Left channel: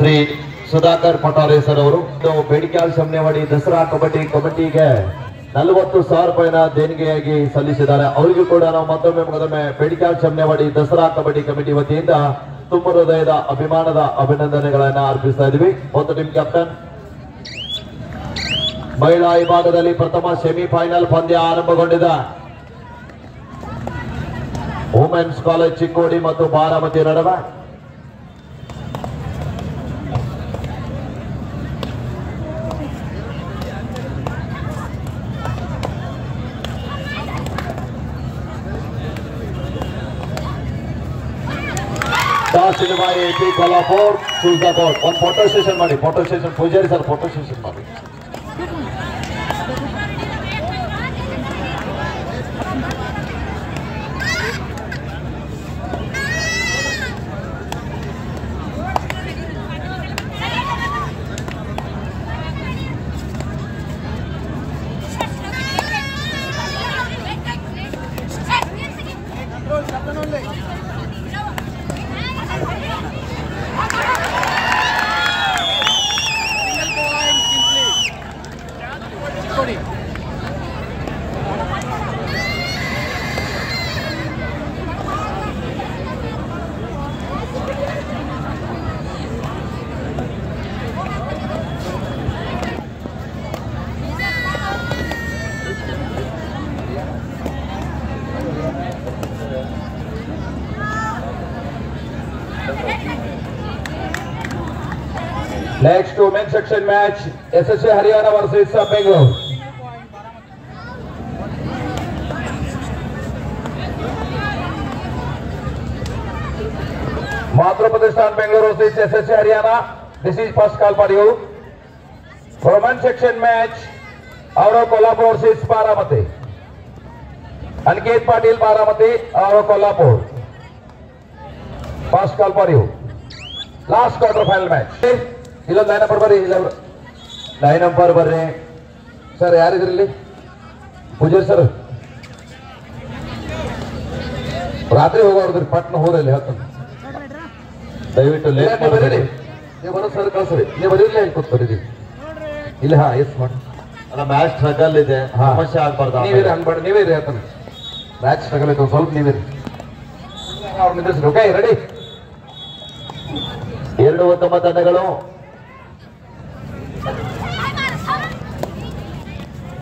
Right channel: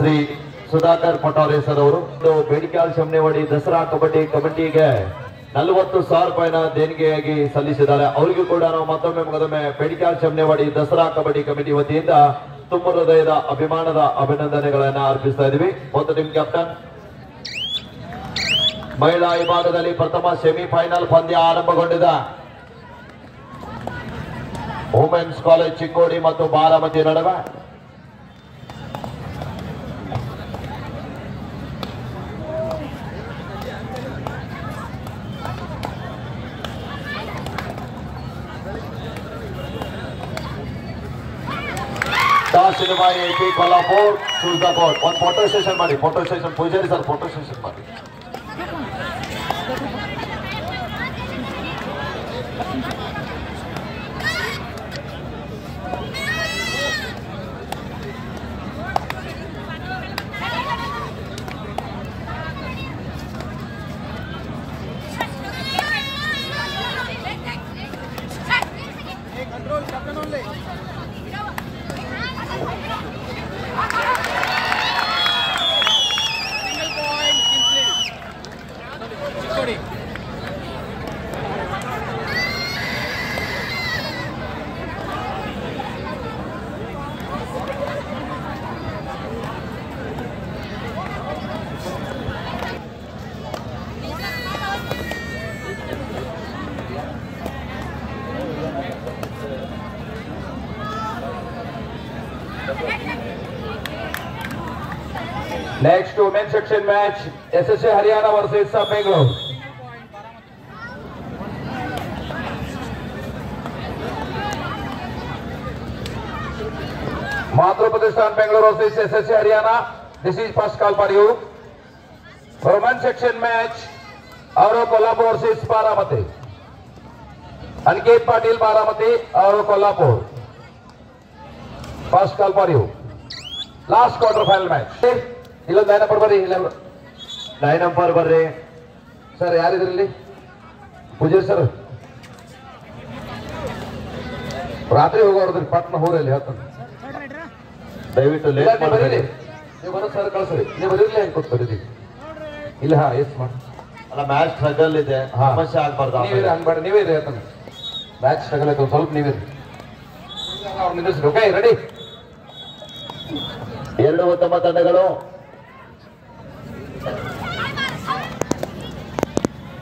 Shri Sudhakar ಪಟಾರೆ sir ಅವರು ಬೇಡಿಕಾಳ್ ಶಮನೆವಾಡಿ ದಸರಾ ಕಬಡ್ಡಿ ಕಮಿಟಿಗೆ 40,000 ರೂಪಾಯಿನ ದೇಣಿಗೆಯಾಗಿ ಸಲ್ಲಿಸಿದ್ದಾರೆ. ಅವರಿಗೂ ಕೂಡ ನಾವು ಮತ್ತೊಮ್ಮೆ ಬೇಡಿಕಾಳ್ ಶಮನೆವಾಡಿ ದಸರಾ ಕಬಡ್ಡಿ ಕಮಿಟಿ ವತಿಯಿಂದ ತುಂಬ ಹೃದಯದ ಅಭಿಮಾನದ ಅಭಿನಂದನೆಗಳನ್ನ ಅರ್ಪಿಸ್ತಾ ಇದೀವಿ. ಒಂದು ಟೀಮ್ ಕ್ಯಾಪ್ಟನ್. ಮಹಿಳಾ ವಿಭಾಗದಲ್ಲಿ ಪ್ರಥಮ ಸೆಮಿಫೈನಲ್ ಪಂದ್ಯ ಆರಂಭಗೊಂಡಿದೆ. ವುಮೆನ್ಸ್ ಕಾಲೇಜ್ ಚಿಕ್ಕೋಡಿ ಮತ್ತು ಬಾರಾಮತಿ ನಡುವೆ AP Kolhapur choose the board. One photo session ಮಾಡಿ, photo session Poojari sir photo session ಮಾಡಿ. Next women's section match, SSA Haryana versus Bangalore. Madhya Pradesh Bangalore versus SSA Haryana. This is first call for you. Women's section match, Auro Kolhapur versus Baramati. Aniket Patil Baramati, Auro Kolhapur. First call for you. Last quarter final match. ಇಲ್ಲ 9 number ಬರ್ರಿ, ಇಲ್ಲ 9 number ಬರ್ರಿ sir. ಯಾರಿದ್ರಲ್ಲಿ Poojary sir? ರಾತ್ರಿ ಹೋಗೋದ್ರಿ, ಪಟ್ನ ಹೋರಲ್ಲಿ ಹೇಳ್ತಾನೆ. ದಯವಿಟ್ಟು late ಮಾಡಬೇಡಿ. ನೀವು ಬರೋ ಸರ್ ಕಳ್ಸ್ರಿ, ನೀವು ಬರೀಲಿ ಅಂತ ಕೊಡ್ತೀರಿ ಇಲ್ಲಿ. ಹಾ ಎಸ್ ಮಾಡಿ ಅಲ್ಲ, ಮ್ಯಾಚ್ ಸ್ಟ್ರಗಲ್ ಇದೆ, ಸಮಸ್ಯೆ ಆಗ್ಬಾರ್ದು. ನೀವೇ ಅನ್ಬೇಡಿ, ನೀವೇ ಇರಿ ಹೇಳ್ತಾನೆ. ಮ್ಯಾಚ್ ಸ್ಟ್ರಗಲ್ ಇದೆ, ಸ್ವಲ್ಪ ನೀವೇ ನಿಂದಿಸ್ರಿ. Okay ready. ಎರಡು ಉತ್ತಮ ತಂಡಗಳು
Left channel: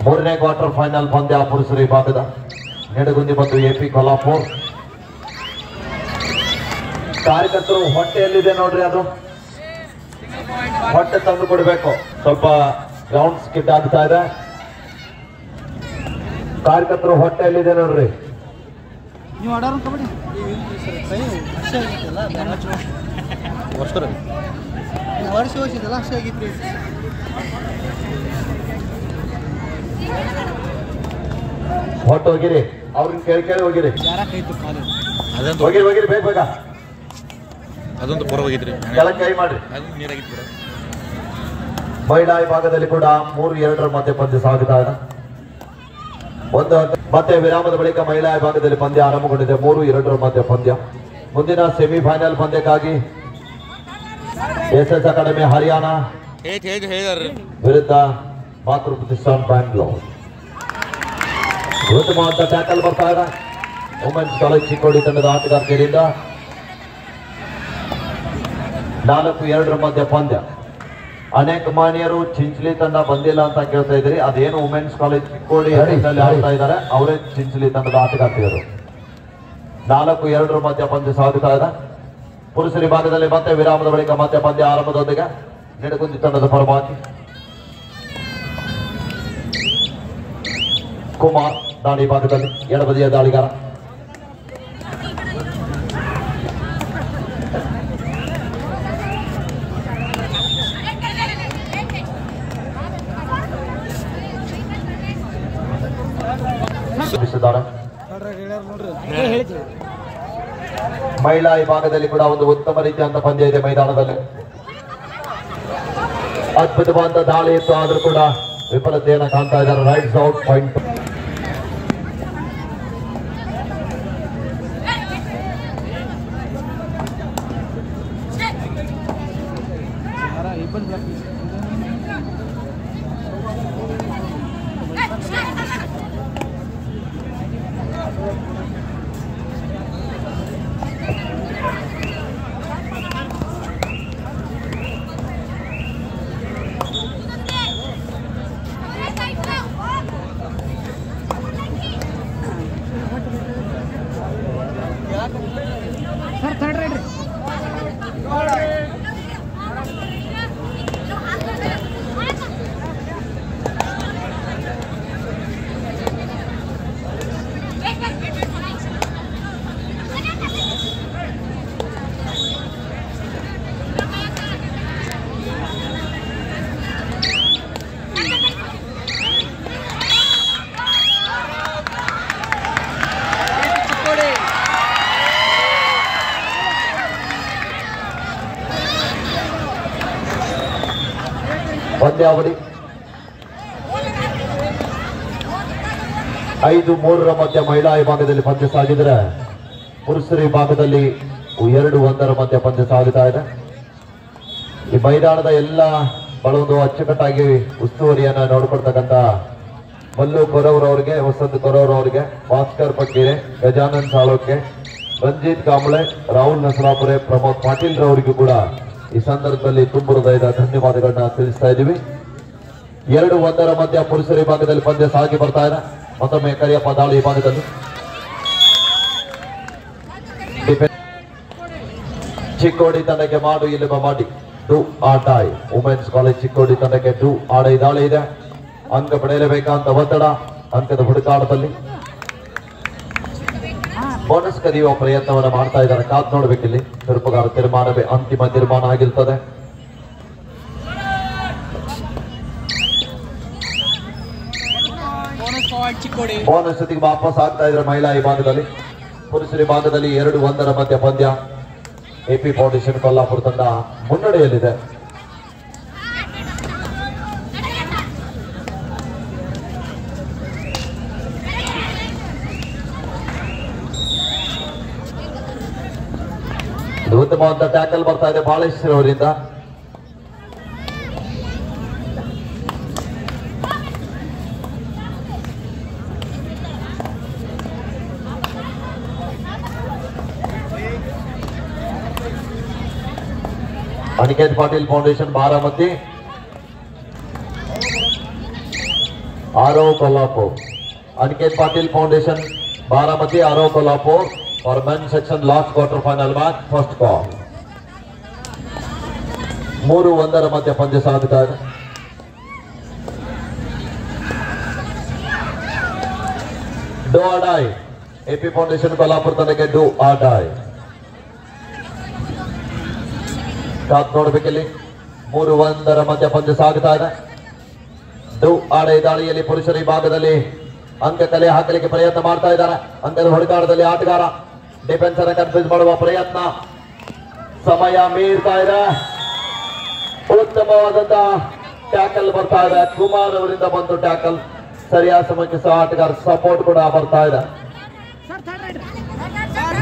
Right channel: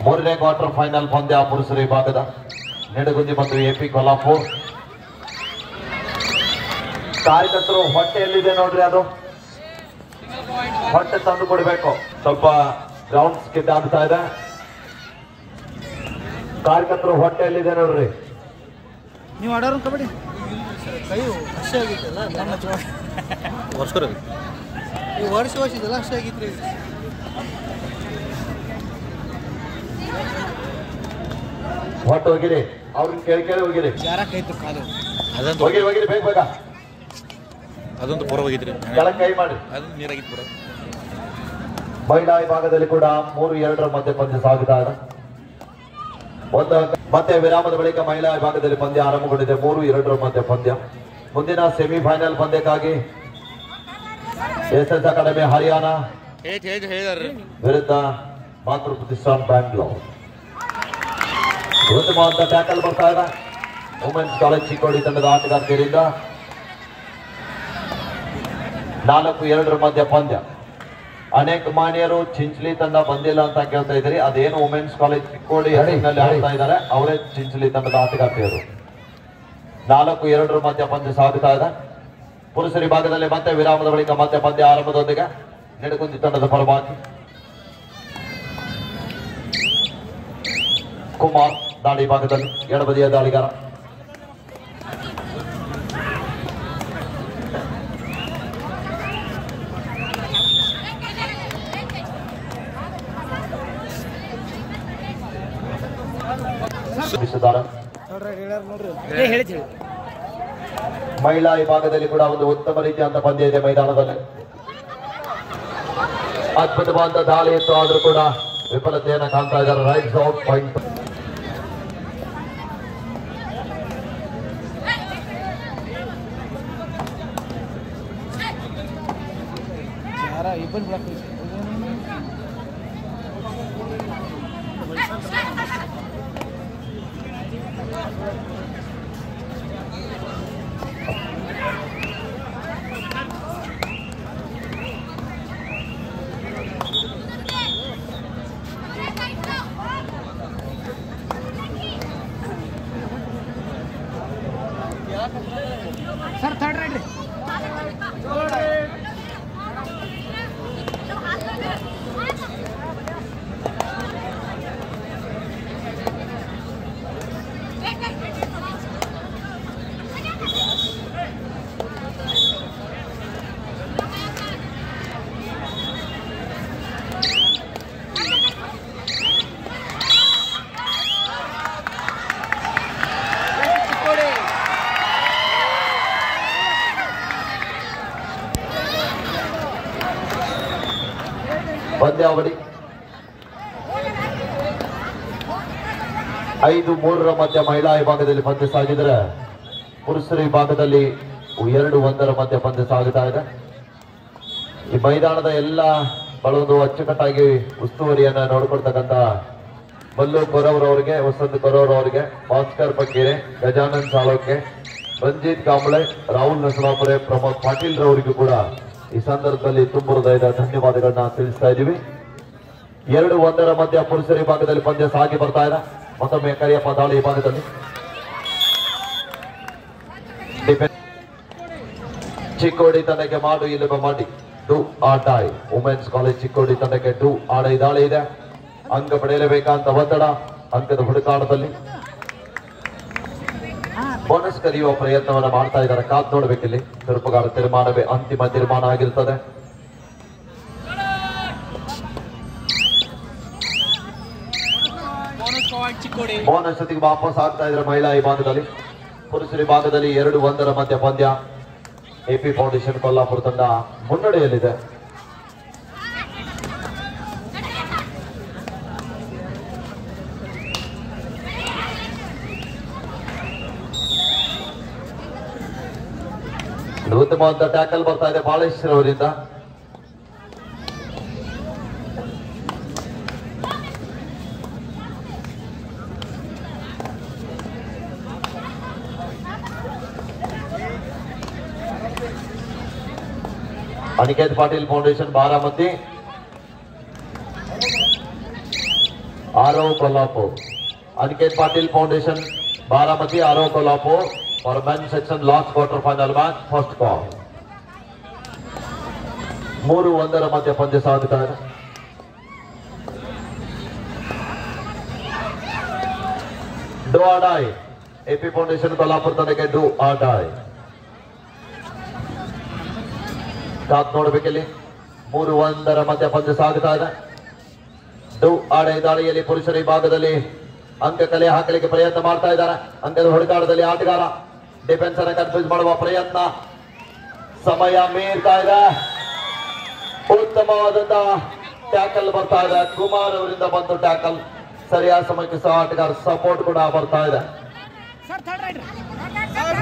ಮೂರನೇ ಕ್ವಾರ್ಟರ್ ಫೈನಲ್ ಪಂದ್ಯ ಪುರುಷರ ವಿಭಾಗದ ನೆಡಗುಂದಿ ಮತ್ತು AP ಕೊಲ್ಹಾಪುರ್. ಕಾರ್ಯಕರ್ತರು ಹೊಟ್ಟೆಯಲ್ಲಿದೆ ನೋಡ್ರಿ, ಅದು ಹೊಟ್ಟೆ ತಂದು ಕೊಡ್ಬೇಕು. ಸ್ವಲ್ಪ ಗ್ರೌಂಡ್ ಸ್ಕಿಡ್ ಆಗ್ತಾ ಇದೆ. ಕಾರ್ಯಕರ್ತರು ಹೊಟ್ಟೆಯಲ್ಲಿದೆ ನೋಡ್ರಿ. ನೀವು ಆಡೋರು ಕಬಡ್ಡಿ ವರ್ಷಿದಲ್ಲ ಅಷ್ಟೇ ಆಗಿತ್ತು. ಹೊಟ್ಟು ಹೋಗಿರಿ, ಅವ್ರನ್ನ ಕೇಳಿ ಹೋಗಿರಿ. ಹೋಗಿರಿ ಹೋಗಿರಿ, ಬೇಗ ಬೇಗ. ಅದೊಂದು ಪೂರ ಹೋಗಿದ್ರಿ, ಕೆಳಗೆ ಕೈ ಮಾಡ್ರಿ. ನೀರಾಗಿತ್ತು. ಮಹಿಳಾ ವಿಭಾಗದಲ್ಲಿ ಕೂಡ 3-2 ಮಧ್ಯೆ ಪಂದ್ಯ ಸಾಗುತ್ತಾ ಇದೆ. ಮತ್ತೆ ವಿರಾಮದ ಬಳಿಕ ಮಹಿಳಾ ವಿಭಾಗದಲ್ಲಿ ಪಂದ್ಯ ಆರಂಭಗೊಂಡಿದೆ. 3-2 ಮಧ್ಯೆ ಪಂದ್ಯ. ಮುಂದಿನ ಸೆಮಿಫೈನಲ್ ಪಂದ್ಯಕ್ಕಾಗಿ SS ಅಕಾಡೆಮಿ ಹರಿಯಾಣ ವಿರುದ್ಧ ಮಾತೃ ಪ್ರತಿಷ್ಠಾನ್ ಬ್ಯಾಂಗ್ಳೂರ್. ಉತ್ತಮವಾದ ಟ್ಯಾಕಲ್ ಬರ್ತಾ ಇದೆ ವುಮೆನ್ಸ್ ಕಾಲೇಜ್ ಚಿಕ್ಕೋಡಿ ತಂಡದ ಆಟಗಾರ್ತಿಯರಿಂದ. 4-2 ಮಧ್ಯ ಪಂದ್ಯ. ಅನೇಕ ಮಾನ್ಯರು ಚಿಂಚಲಿ ತಂಡ ಬಂದಿಲ್ಲ ಅಂತ ಕೇಳ್ತಾ ಇದ್ದೀರಿ. ಅದೇನು ವುಮೆನ್ಸ್ ಕಾಲೇಜ್ ಚಿಕ್ಕೋಡಿ ಆಡ್ತಾ ಇದ್ದಾರೆ, ಅವರೇ ಚಿಂಚಲಿ ತಂಡದ ಆಟಗಾರ್ತಿಯರು. 4-2 ಮಧ್ಯ ಪಂದ್ಯ ಸಾಗುತ್ತಾ ಇದೆ. ಪುರುಷರ ವಿಭಾಗದಲ್ಲಿ ಮತ್ತೆ ವಿರಾಮದ ಬಳಿಕ ಮತ್ತೆ ಪಂದ್ಯ ಆರಂಭದೊಂದಿಗೆ ನೆಡಗುಂದಿ ತಂಡದ ಪರವಾಗಿ ಕುಮಾರ್ ದಾಳಿ ಭಾಗದಲ್ಲಿ ಎಡಬದಿಯ ದಾಳಿಗಾರ. ಮಹಿಳಾ ವಿಭಾಗದಲ್ಲಿ ಕೂಡ ಒಂದು ಉತ್ತಮ ರೀತಿಯಾದ ಪಂದ್ಯ ಇದೆ ಮೈದಾನದಲ್ಲಿ. ಅದ್ಭುತವಾದ ದಾಳಿ ಇತ್ತು, ಆದ್ರೂ ಕೂಡ ವಿಫಲತೆಯನ್ನು ಕಾಣ್ತಾ ಇದ್ದಾರೆ. Right out point. ಇಬ್ಬರು ಬ್ಲಾಕ್ ಸರ್ ಥರ್ಡ್ ರೈಡ್ ರೀ ಪಂದ್ಯಾವಳಿ 5-3 ಮಧ್ಯ ಮಹಿಳಾ ವಿಭಾಗದಲ್ಲಿ ಪಂದ್ಯ ಸಾಗಿದರೆ ಪುರುಷರ ವಿಭಾಗದಲ್ಲಿ 2-1 ಮಧ್ಯ ಪಂದ್ಯ ಸಾಗುತ್ತಾ ಇದೆ. ಈ ಮೈದಾನದ ಎಲ್ಲ ಒಂದು ಅಚ್ಚುಕಟ್ಟಾಗಿ ಉಸ್ತುವಾರಿಯನ್ನು ನೋಡಿಕೊಡ್ತಕ್ಕಂಥ ಮಲ್ಲು ಕೊರವರವರಿಗೆ, ವಸಂತ ಕೊರವರವರಿಗೆ, ಭಾಸ್ಕರ್ ಪಕ್ಕೀರೆ, ಗಜಾನನ್ ಸಾಲೋಕೆ, ರಂಜಿತ್ ಕಾಂಬ್ಳೆ, ರಾಹುಲ್ ನಸರಾಪುರೆ, ಪ್ರಮೋದ್ ಪಾಟೀಲ್ ರವರಿಗೂ ಕೂಡ ಈ ಸಂದರ್ಭದಲ್ಲಿ ತುಂಬ ಹೃದಯದ ಧನ್ಯವಾದಗಳನ್ನ ತಿಳಿಸ್ತಾ ಇದ್ದೀವಿ. 2-1 ಮಧ್ಯ ಪುರುಷರ ವಿಭಾಗದಲ್ಲಿ ಪಂದ್ಯ ಸಾಗಿ ಬರ್ತಾ ಇದೆ. ಮತ್ತೊಮ್ಮೆ ಕರಿಯಪ್ಪ ದಾಳಿ ವಿಭಾಗದಲ್ಲಿ ಚಿಕ್ಕೋಡಿ ತಂಡಕ್ಕೆ ಮಾಡು ಇಲ್ಲಬ ಮಾಡಿ ಡು ಆಟಾಯ್. ವುಮೆನ್ಸ್ ಕಾಲೇಜ್ ಚಿಕ್ಕೋಡಿ ತಂಡಕ್ಕೆ ಡು ಆಡೈ ದಾಳಿ ಇದೆ. ಅಂಕ ಪಡೆಯಲೇಬೇಕಂತ ಒತ್ತಡ, ಅಂಕದ ಹುಡುಕಾಟದಲ್ಲಿ ಬೋನಸ್ ಕರೆಯುವ ಪ್ರಯತ್ನವನ್ನು ಮಾಡ್ತಾ ಇದ್ದಾರೆ. ಕಾದ್ ನೋಡ್ಬೇಕಿಲ್ಲಿ ತೀರ್ಪುಗಾರ ತೀರ್ಮಾನವೇ ಅಂತಿಮ ತೀರ್ಮಾನ ಆಗಿರ್ತದೆ. ಬೋನಸ್ ಜೊತೆಗೆ ವಾಪಸ್ ಆಗ್ತಾ ಇದ್ದಾರೆ ಮಹಿಳಾ ವಿಭಾಗದಲ್ಲಿ. ಪುರುಷರ ವಿಭಾಗದಲ್ಲಿ 2-1 ಮಧ್ಯ ಪಂದ್ಯ. ಎಪಿ ಫೌಂಡೇಶನ್ ಕೊಲ್ಲಾಪುರ ತಂಡ ಮುನ್ನಡೆಯಲ್ಲಿದೆ. ಉತ್ತಮವಾದ ಟ್ಯಾಕಲ್ ಬರ್ತಾ ಇದೆ ಬಾಳೇಶ್ವರ ಅವರಿಂದ. Aniket Patil foundation Baramati, Aarav Kolhapur. Aniket Patil foundation Baramati, Aarav Kolhapur for men's section last quarter final match first call. 3-1 ಮಧ್ಯ ಪಂದ್ಯ ಸಾಗುತ್ತಾ ಇದೆ. Do or die. AP foundation Kolhapur ತಂಡಕ್ಕೆ ಡೂ ಆರ್ ಡೈ. ಕಾತ್ ನೋಡಬೇಕಿಲ್ಲಿ 3-1 ಮಧ್ಯ ಪಂದ್ಯ ಸಾಗುತ್ತಾ ಇದೆ. ಡೂ ಆರ್ ಡೈ ದಾಳಿಯಲ್ಲಿ ಪುರುಷರ ವಿಭಾಗದಲ್ಲಿ ಅಂಕ ಕಲೆ ಹಾಕಲಿಕ್ಕೆ ಪ್ರಯತ್ನ ಮಾಡ್ತಾ ಇದ್ದಾರೆ. ಅಂಕದ ಹುಡುಕಾಟದಲ್ಲಿ ಆಟಗಾರ ಡಿಫೆನ್ಸ್ ಅನ್ನು ಕನ್ಫ್ಯೂಸ್ ಮಾಡುವ ಪ್ರಯತ್ನ. ಸಮಯ ಮೀರ್ತಾ ಇದೆ. ಉತ್ತಮವಾದಂತಹ ಟ್ಯಾಕಲ್ ಬರ್ತಾ ಇದೆ. ಕುಮಾರ್ ಅವರಿಂದ ಬಂತು ಟ್ಯಾಕಲ್. ಸರಿಯಾದ ಸಮಯಕ್ಕೆ ಸಹ ಆಟಗಾರ ಸಪೋರ್ಟ್ ಕೂಡ ಬರ್ತಾ ಇದೆ.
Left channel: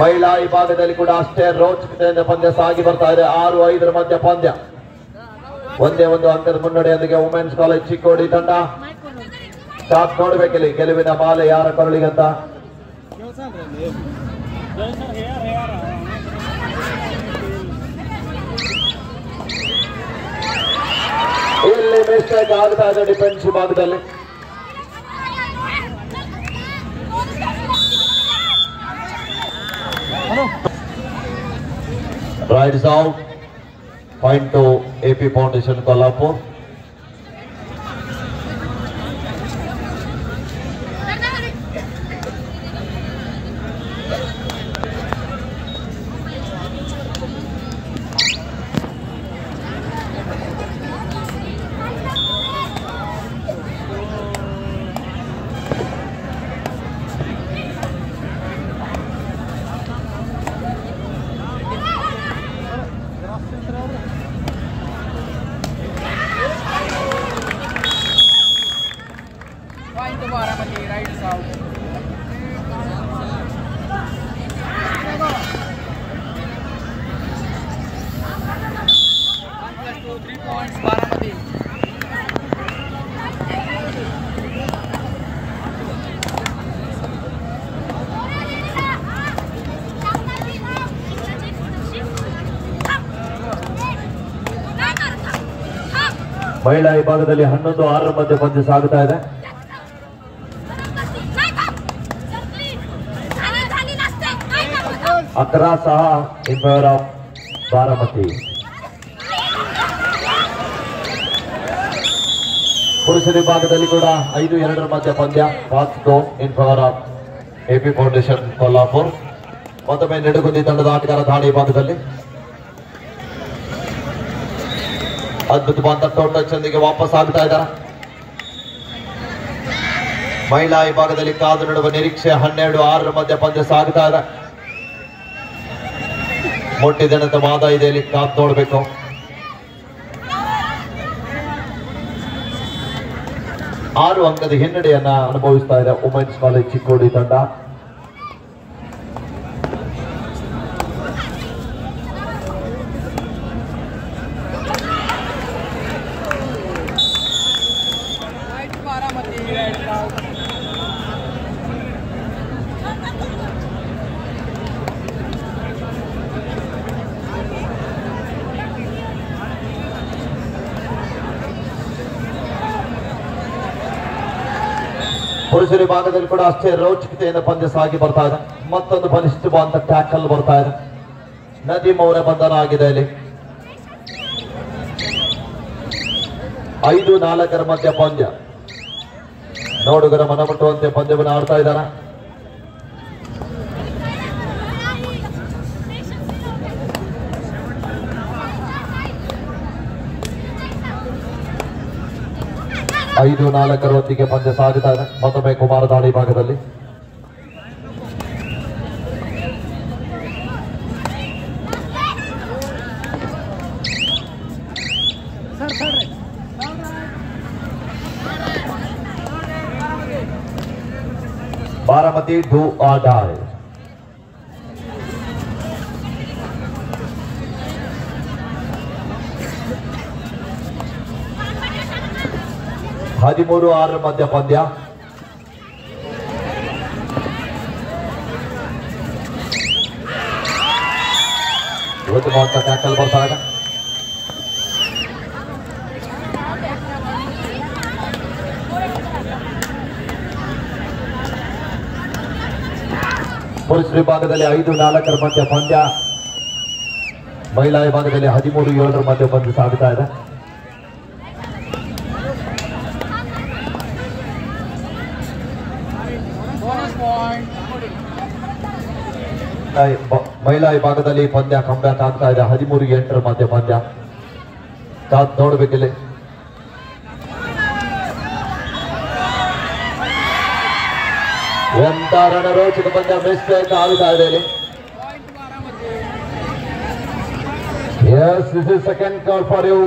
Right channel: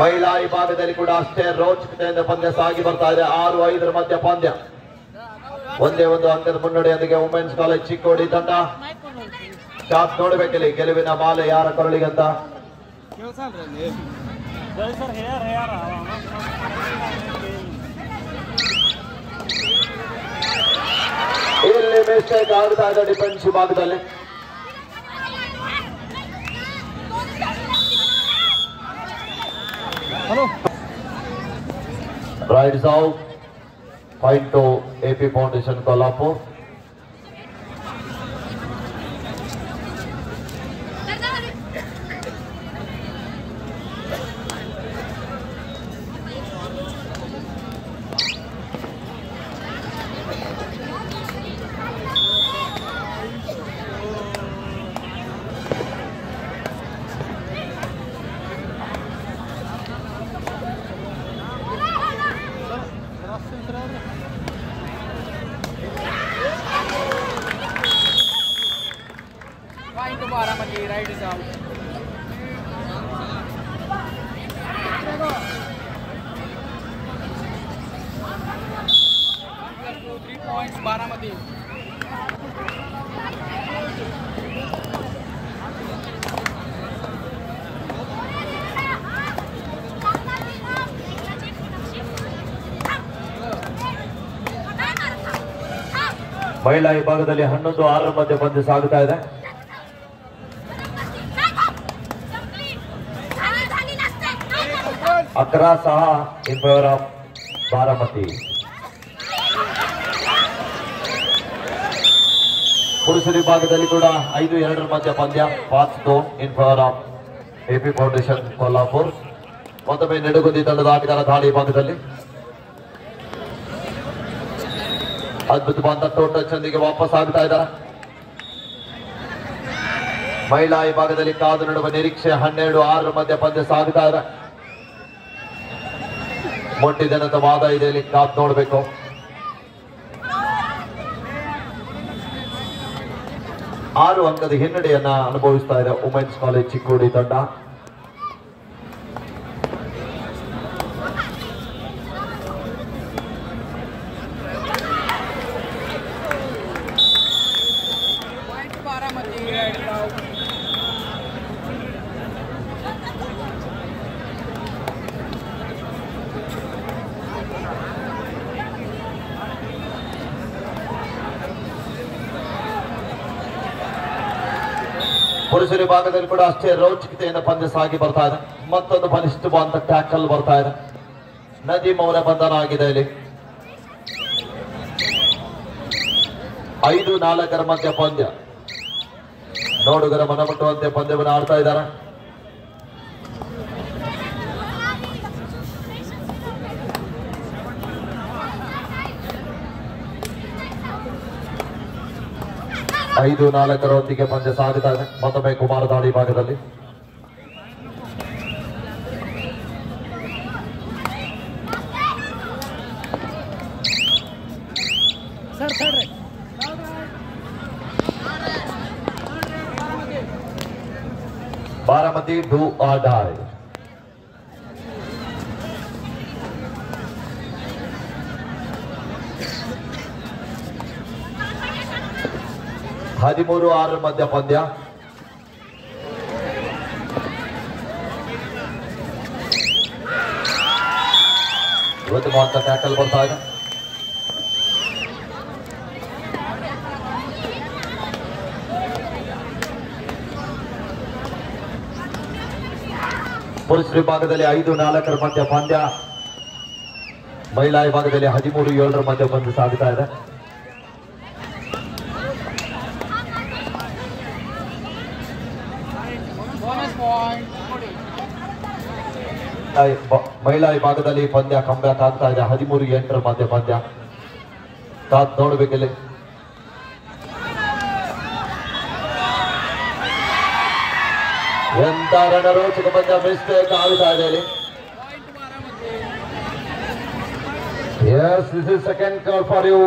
ಮಹಿಳಾ ವಿಭಾಗದಲ್ಲಿ ಕೂಡ ಅಷ್ಟೇ ರೋಚಕತೆಯಿಂದ ಪಂದ್ಯ ಸಾಗಿ ಬರ್ತಾ ಇದೆ. 6-5 ಮಧ್ಯ ಪಂದ್ಯ. ಒಂದೇ ಒಂದು ಅಂಕದ ಮುನ್ನಡೆಯೊಂದಿಗೆ ವುಮೆನ್ಸ್ ಕಾಲೇಜ್ ಚಿಕ್ಕೋಡಿ ತಂಡ. ಶಾಟ್ ನೋಡ್ಬೇಕಿಲ್ಲಿ ಗೆಲುವಿನ ಮಾಲೆ ಯಾರ ಕರುಳಿಗಂತ. ಇಲ್ಲಿ ಮಿಸ್ಟೇಕ್ ಆಗ್ತಾ ಇದೆ ಡಿಫೆನ್ಸ್ ವಿಭಾಗದಲ್ಲಿ. Raids out. Point to AP foundation Kolhapur. Baramati, right is out. points Baramati. ಮಹಿಳಾ ವಿಭಾಗದಲ್ಲಿ 11-6 ಮಧ್ಯೆ ಪಂದ್ಯ ಸಾಗುತ್ತಾ ಇದೆ. ಅಕ್ರಾ ಸಹ ಇನ್ ಫೇವರ್ ಆಫ್ ಬಾರಾಮತಿ. ಪುರುಷರ ವಿಭಾಗದಲ್ಲಿ ಕೂಡ 5-2 ಮಧ್ಯ ಪಂದ್ಯ ಪಾಚ್ಕೋ in favour of AP foundation Kolhapur. ಮತ್ತೊಮ್ಮೆ ನಿಡುಗುಂದಿ ತಂಡದ ಆಟಗಾರ ದಾಳಿ ಭಾಗದಲ್ಲಿ ಅದ್ಭುತವಾದ ಟೋಟಲ್ನೊಂದಿಗೆ ವಾಪಸ್ ಆಗ್ತಾ ಇದ್ದಾರೆ. ಮಹಿಳಾ ವಿಭಾಗದಲ್ಲಿ ಕಾದು ನೋಡುವ ನಿರೀಕ್ಷೆ 12-6 ಮಧ್ಯ ಪಂದ್ಯ ಸಾಗುತ್ತಾ ಇದೆ. ಮೊಟ್ಟಿದನದ ವಾದ ಇದೆ, ಇಲ್ಲಿ ಕಾದು ನೋಡಬೇಕು. ಆರು ಅಂಕದ ಹಿನ್ನಡೆಯನ್ನ ಅನುಭವಿಸ್ತಾ ಇದೆ ವುಮೆನ್ಸ್ ಕಾಲೇಜ್ ಚಿಕ್ಕೋಡಿ ತಂಡ. Baramati right now. ಪುರುಷರ ವಿಭಾಗದಲ್ಲಿ ಕೂಡ ಅಷ್ಟೇ ರೋಚಕತೆಯಿಂದ ಪಂದ್ಯ ಸಾಗಿ ಬರ್ತಾ ಇದೆ. ಮತ್ತೊಂದು ಬಲಿಷ್ಠವಾದ ಟ್ಯಾಕಲ್ ಬರ್ತಾ ಇದೆ. ನದೀಮ್ ಅವರ ಬಂಧನ ಆಗಿದೆ ಇಲ್ಲಿ. 5-4 ಮಧ್ಯ ಪಂದ್ಯ. ನೋಡುಗರ ಮನಮುಟ್ಟುವಂತೆ ಪಂದ್ಯವನ್ನು ಆಡ್ತಾ ಇದ್ದಾರೆ. ಐದು 4 ಪಂದ್ಯ ಸಾಗುತ್ತಾ ಇದೆ. ಮತ್ತೊಮ್ಮೆ ಕುಮಾರ ದಾಳಿ ಭಾಗದಲ್ಲಿ ಬಾರಾಮತಿ ಡೂ ಆರ್ ಡೈ. ಹದಿಮೂರು 6 ಮಧ್ಯ ಪಂದ್ಯ. ಇವತ್ತು ಮಾತ್ರ ಟ್ಯಾಕಲ್ ಬರ್ತಾ ಇದೆ. ಪುರುಷ ವಿಭಾಗದಲ್ಲಿ 5-4 ಮಧ್ಯ ಪಂದ್ಯ. ಮಹಿಳಾ ವಿಭಾಗದಲ್ಲಿ 13-7 ಮಧ್ಯ ಪಂದ್ಯ ಸಾಗುತ್ತಾ ಇದೆ. Bonus point. ಮಹಿಳಾ ವಿಭಾಗದಲ್ಲಿ ಪಂದ್ಯ ಕಂಬ್ಯಾಕ್ ಆಗ್ತಾ ಇದೆ. 13-8 ಮಧ್ಯ ಪಂದ್ಯ. ನೋಡ್ಬೇಕಿಲ್ಲಿ ಎಂತ ರಣರೋಚಕ ಪಂದ್ಯ ಮಿಸ್ಟೇಕ್ ಆಗ್ತಾ ಇದೆ ಇಲ್ಲಿ. Yes, this is second call for you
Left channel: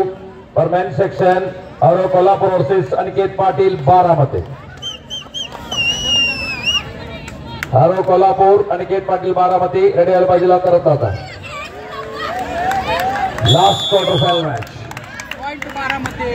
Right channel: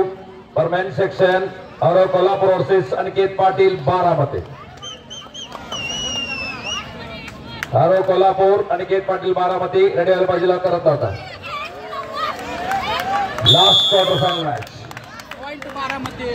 for men's section. Our Kolhapur versus Aniket Patil, Baramati. Our Kolhapur, Aniket Patil, Baramati. Ready al bajila karata hota. Last quarter final match. Point to Baramati.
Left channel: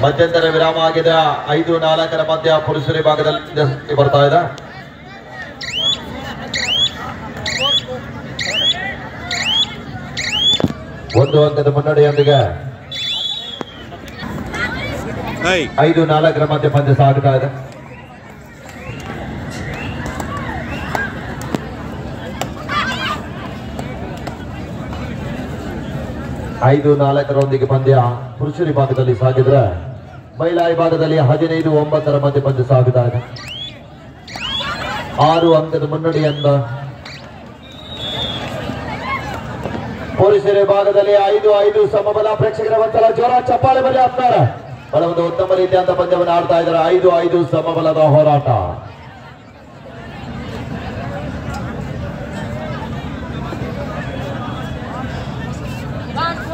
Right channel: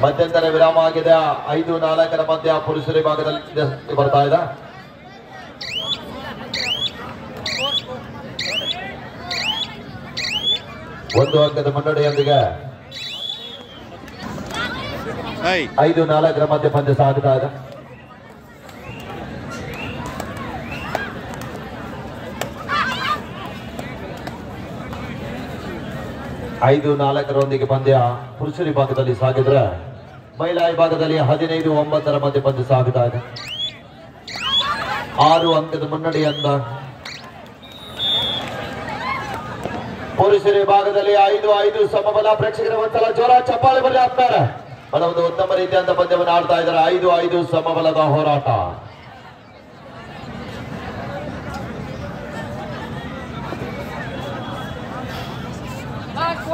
ಮಧ್ಯಂತರ ವಿರಾಮ ಆಗಿದೆ. 5-4 ಮಧ್ಯ ಪುರುಷರ ವಿಭಾಗದಲ್ಲಿ ಬರ್ತಾ ಇದೆ. ಒಂದು ಅಂಕದ ಮುನ್ನಡೆಯೊಂದಿಗೆ 5-4 ಮಧ್ಯ ಪಂದ್ಯ ಸಾಗುತ್ತಾ ಇದೆ. ಐದು 4 ಪಂದ್ಯ ಪುರುಷರ ವಿಭಾಗದಲ್ಲಿ ಸಾಗಿದ್ರೆ ಮಹಿಳಾ ವಿಭಾಗದಲ್ಲಿ 15-9 ಮಧ್ಯ ಪಂದ್ಯ ಸಾಗುತ್ತಾ ಇದೆ. 6 ಅಂಕದ ಮುನ್ನಡೆಯಿಂದ ಪುರುಷರ ವಿಭಾಗದಲ್ಲಿ 5-5 ಸಮಬಲ. ಪ್ರೇಕ್ಷಕರ ಒಂದ್ಸಲ ಜೋರ ಚಪ್ಪಾಳೆ ಬರಲಿ ಆಗ್ತಾರೆ. ಬಹಳ ಒಂದು ಉತ್ತಮ ರೀತಿಯಾದ ಪಂದ್ಯವನ್ನು ಆಡ್ತಾ ಇದ್ದಾರೆ. 5-5 ಸಮಬಲದ ಹೋರಾಟ.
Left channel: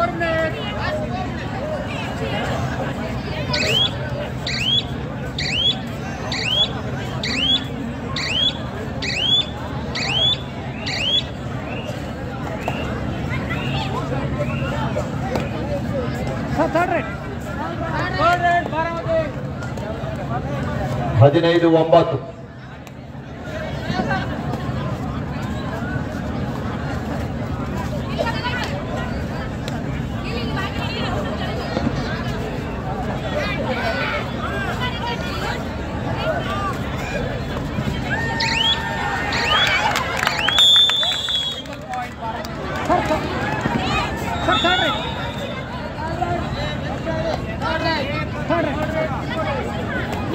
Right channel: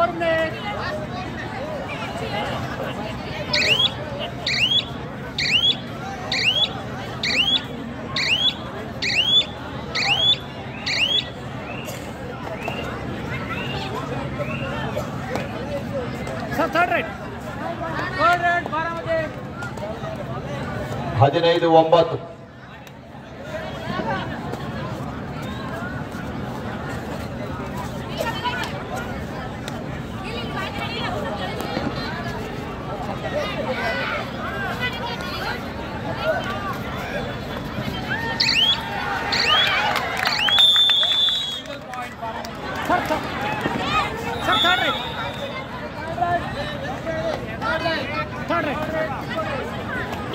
4 minutes. Third red. Third red, Baramati. 15-9.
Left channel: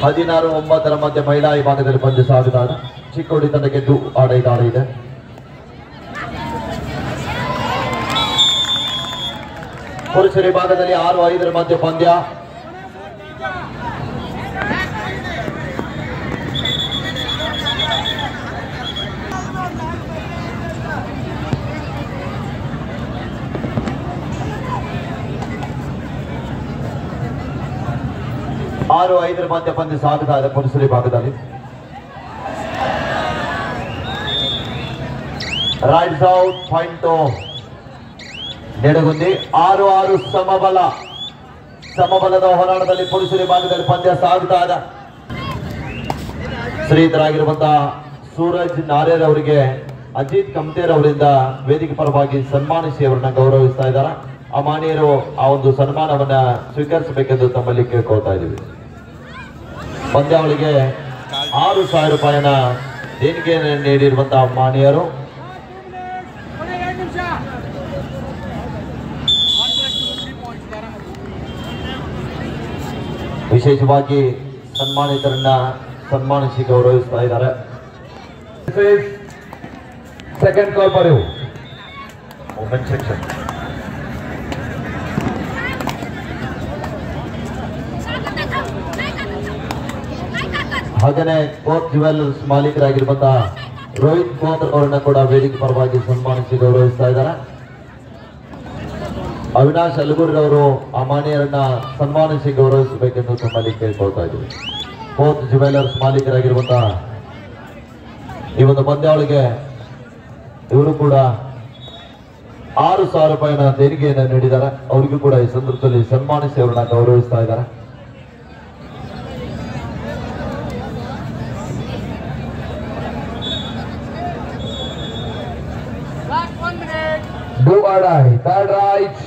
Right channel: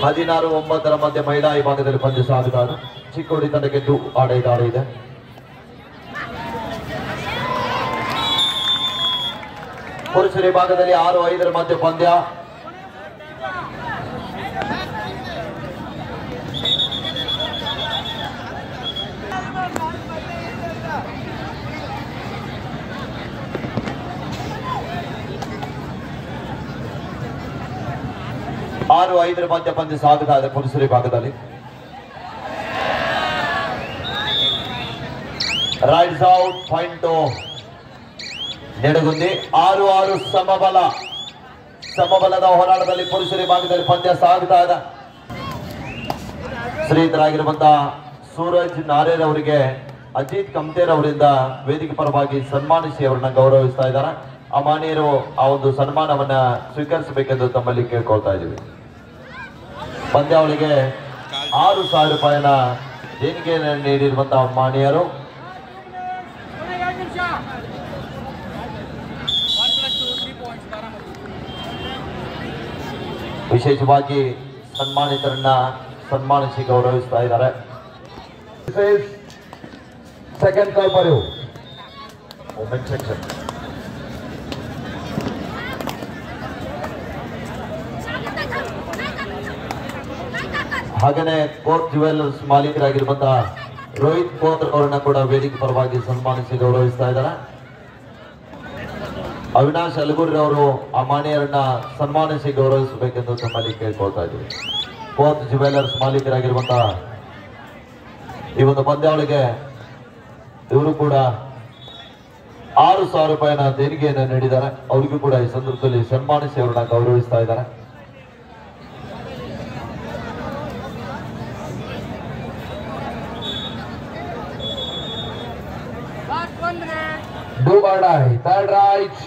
ಹದಿನಾರು 9 ಮಧ್ಯೆ ಮಹಿಳಾ ವಿಭಾಗದಲ್ಲಿ ಪಂದ್ಯ ಸಾಗುತ್ತಾನೆ. ಚಿಕ್ಕೋಡಿ ತಂಡಕ್ಕೆ ಆಡ ಇದೆ. ಪುರುಷರ ವಿಭಾಗದಲ್ಲಿ 6-5 ಮಧ್ಯೆ ಪಂದ್ಯ. ಮಧ್ಯ ಪಂದ್ಯ ಸಾಗುತ್ತಾ ಇದೆ ಪುರುಷರ ವಿಭಾಗದಲ್ಲಿ. Rights out point Nedagundi. 6-6 ಸಮಬಲದ ಹೋರಾಟದಲ್ಲಿ ಪುರುಷರ ವಿಭಾಗದಲ್ಲಿ ಪಂದ್ಯ ಸಾಗುತ್ತಾ ಇದೆ. ಶ್ರೀಯುತರಾಗಿರುವಂತಹ ಸೂರಜ್ ನಾರೇರ್ ಅವರಿಗೆ ಅಜಿತ್ ಕಮ್ತೇರ್ ಅವರಿಂದ ವೇದಿಕೆ ಪರವಾಗಿ ಸನ್ಮಾನಿಸಿ ಅವರನ್ನ ಗೌರವಿಸ್ತಾ ಇದ್ದಾರೆ. ಆ ಮಾನ್ಯರು ಆ ಒಂದು ಸನ್ಮಾನವನ್ನ ಸ್ವೀಕರಿಸಬೇಕೆಂದು ತಮ್ಮಲ್ಲಿ ಕೇಳ್ಕೊಳ್ತಾ ಇದ್ದೀವಿ. ಪಂದ್ಯಾವಳಿಗೆ 6,000 ರೂಪಾಯಿನ ದೇಣಿಗೆ ನೀಡಿರುವಂತಹ ಮಾನ್ಯರು ವಿಶೇಷವಾಗಿ ಸನ್ಮಾನಿತರನ್ನ ಸನ್ಮಾನಿಸಿ ಗೌರವಿಸ್ತಾ ಇದ್ದಾರೆ. Second call for you women section. ಹಾಗೇನೆ ಕೋರ್ಟ್ ಜ್ಯುವೆಲ್ಲರ್ಸ್ ಮಾಲೀಕರಾಗಿರುವಂತಹ ರೋಹಿತ್ ಕೋತ್ರ ಅವರನ್ನ ಕೂಡ ವೇದಿಕೆ ಪರವಾಗಿ ಸನ್ಮಾನಿಸಿ ಗೌರವಿಸ್ತಾ ಇದ್ದಾರೆ. ಅವಿನಾಶ್ ಅಲಗೂರಿ ಅವರು ಆ ಮಾನ್ಯರನ್ನ ಸನ್ಮಾನಿಸಿ ಗೌರವಿಸಬೇಕೆಂದು ತಮ್ಮಲ್ಲಿ ಕೇಳ್ಕೊಳ್ತಾ ಇದ್ದೀವಿ. ಕೋರ್ಟ್ ಜ್ಯುವೆಲ್ಲರ್ಸ್ ಮಾಲೀಕರಾಗಿರುವಂತಹ ಈ ಒಂದು ಪಂದ್ಯಾವಳಿಗೆ ಇವರು ಕೂಡ 6,000 ರೂಪಾಯಿನ ದೇಣಿಗೆಯನ್ನು ನೀಡಿದ್ದಾರೆ. ಅವರಿಗೂ ಕೂಡ ಈ ಸಂದರ್ಭದಲ್ಲಿ ಸನ್ಮಾನಿಸಿ ಅವರನ್ನ ಗೌರವಿಸ್ತಾ ಇದ್ದಾರೆ. Last 1 minute. Do or die. Third right.